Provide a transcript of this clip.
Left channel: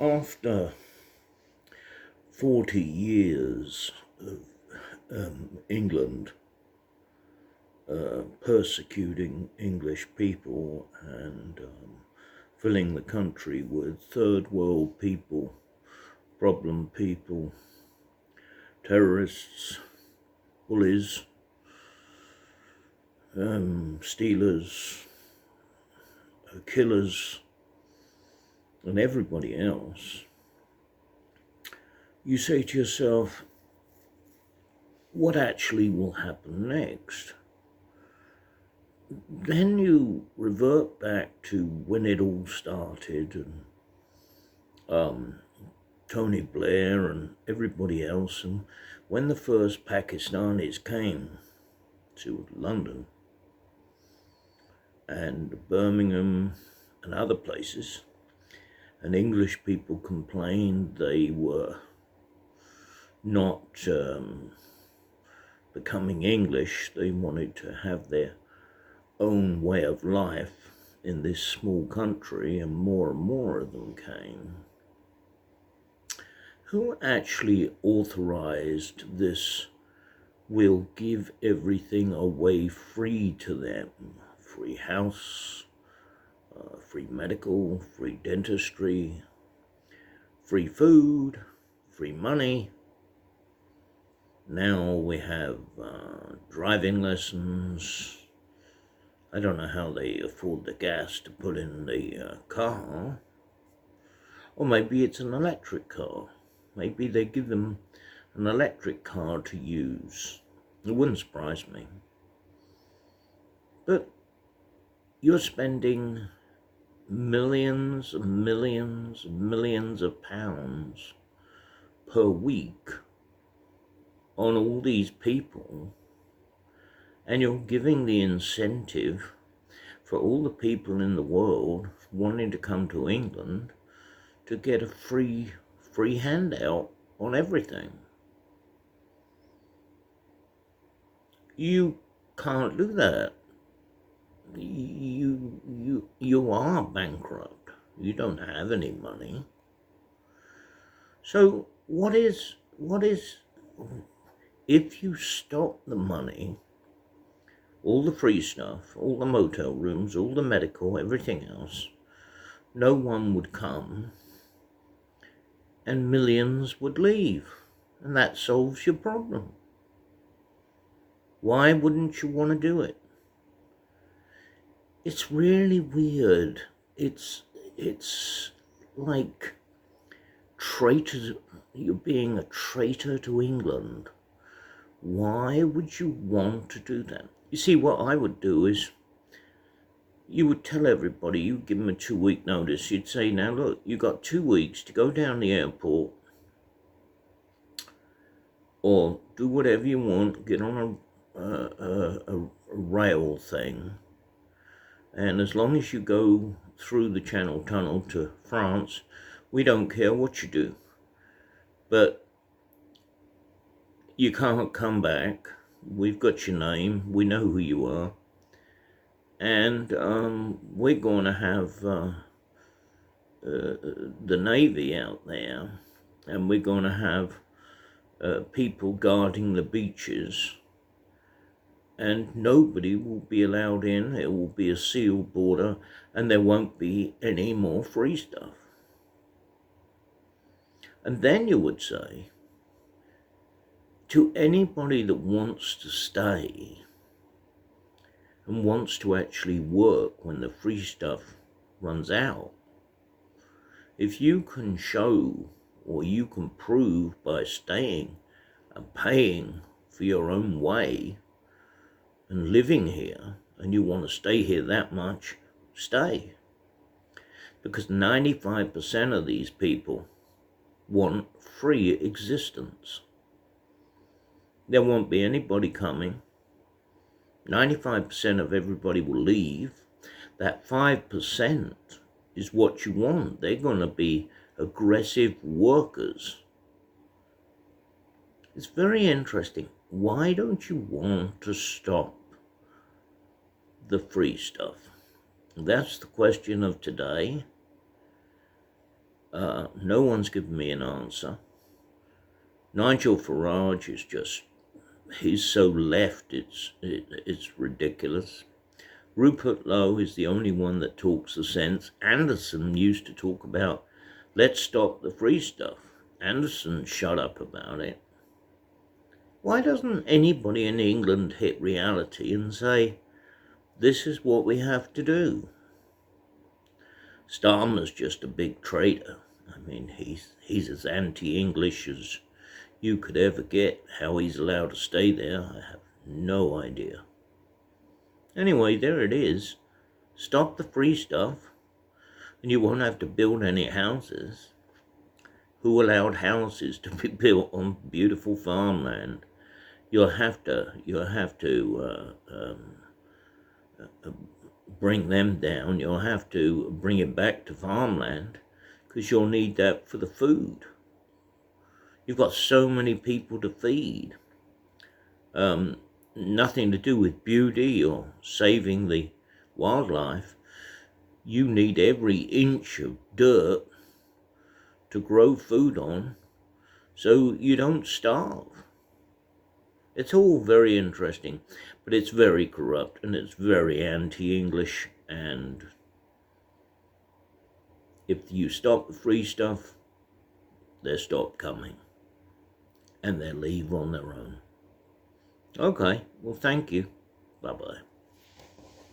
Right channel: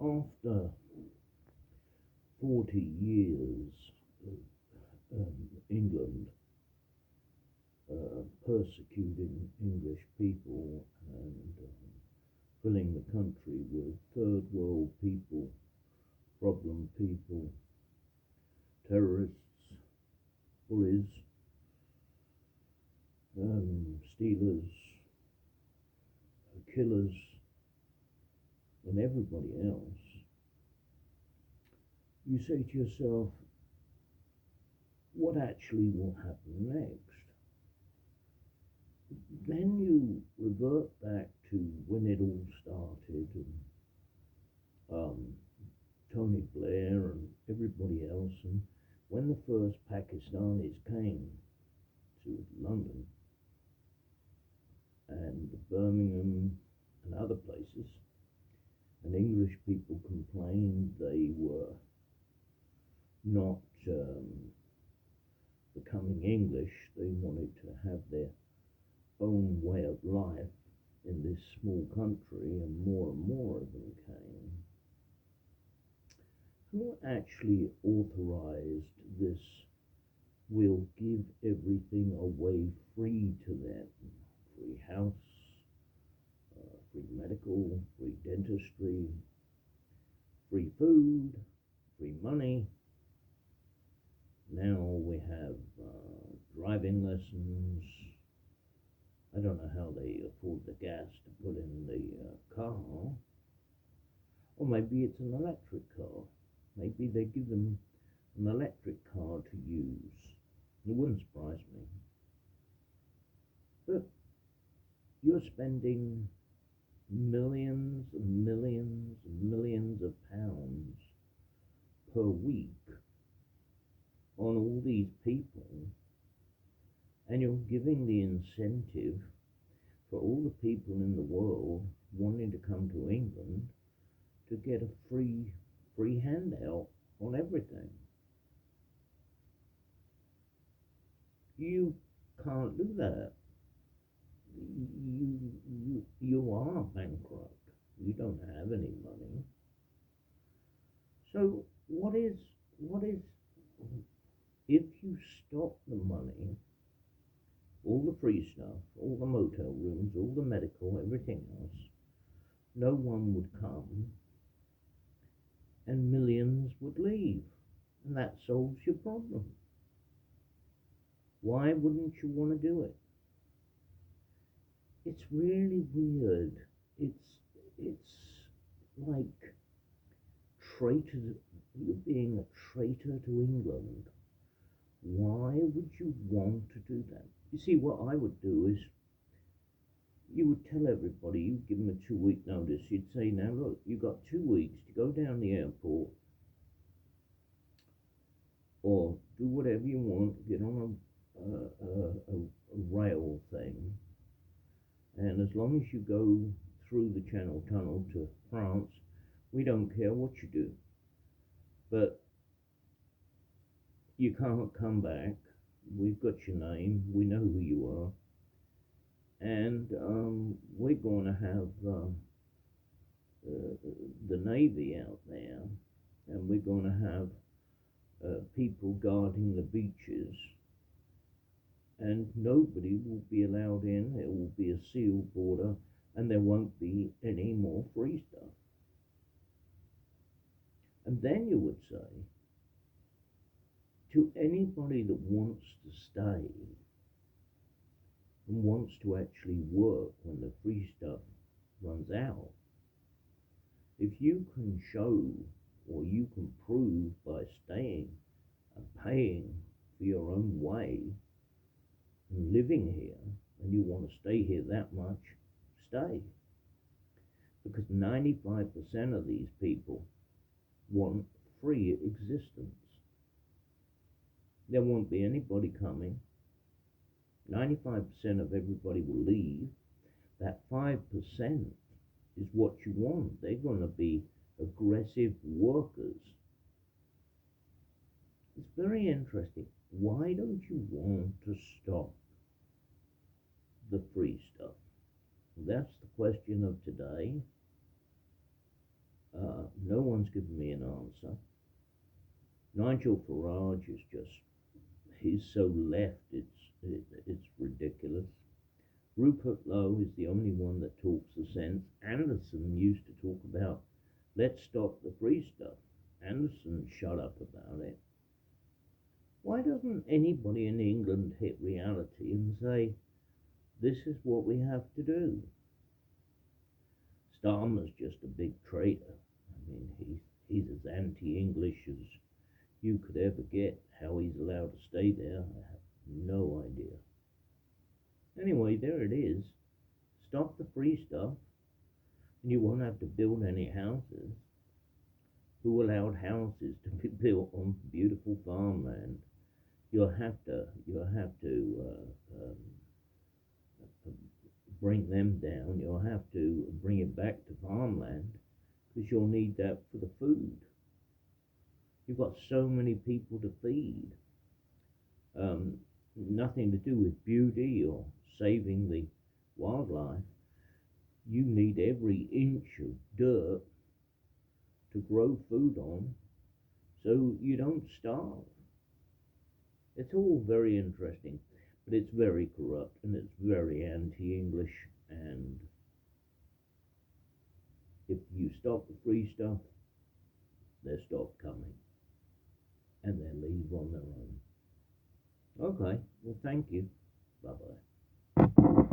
After 40 years of England persecuting English people and filling the country with third world people, problem people, terrorists, bullies, stealers, killers, and everybody else, you say to yourself, what actually will happen next? Then you revert back to when it all started and Tony Blair and everybody else, and when the first Pakistanis came to London and Birmingham and other places, and English people complained they were not becoming English. They wanted to have their own way of life in this small country, and more of them came. Who actually authorized this? We'll give everything away free to them. Free house, free medical, free dentistry, free food, free money. Now we have driving lessons. I don't know how they afford the gas to put in the car. Or maybe it's an electric car. Maybe they give them an electric car to use. It wouldn't surprise me. But you're spending millions and millions and millions of pounds per week on all these people, and you're giving the incentive for all the people in the world wanting to come to England to get a free handout on everything. You can't do that. You are bankrupt. You don't have any money. So what is if you stop the money, all the free stuff, all the motel rooms, all the medical, everything else, no one would come and millions would leave, and that solves your problem. Why wouldn't you want to do it? It's really weird. It's like traitors. You're being a traitor to England. Why would you want to do that? You see, what I would do is, you would tell everybody, you'd give them a 2-week notice. You'd say, now look, you got 2 weeks to go down the airport or do whatever you want, get on a rail thing, and as long as you go through the Channel Tunnel to France, we don't care what you do. But you can't come back. We've got your name. We know who you are. And we're going to have the Navy out there, and we're going to have people guarding the beaches, and nobody will be allowed in. It will be a sealed border, and there won't be any more free stuff. And then you would say, to anybody that wants to stay and wants to actually work when the free stuff runs out, if you can show or you can prove by staying and paying for your own way and living here, and you want to stay here that much, stay. Because 95% of these people want free existence. There won't be anybody coming. 95% of everybody will leave. That 5% is what you want. They're going to be aggressive workers. It's very interesting. Why don't you want to stop the free stuff? That's the question of today. No one's given me an answer. Nigel Farage is just, he's so left, it's ridiculous. Rupert Lowe is the only one that talks the sense. Anderson used to talk about, let's stop the free stuff. Anderson shut up about it. Why doesn't anybody in England hit reality and say, this is what we have to do? Starmer's just a big traitor. I mean, he's as anti-English as you could ever get. How he's allowed to stay there, I have no idea. Anyway, there it is. Stop the free stuff, and you won't have to build any houses. Who allowed houses to be built on beautiful farmland? You'll have to bring them down. You'll have to bring it back to farmland, because you'll need that for the food. You've got so many people to feed. Nothing to do with beauty or saving the wildlife. You need every inch of dirt to grow food on so you don't starve. It's all very interesting, but it's very corrupt and it's very anti-English, and if you stop the free stuff, they'll stop coming and they'll leave on their own. Okay, well, thank you. Bye-bye.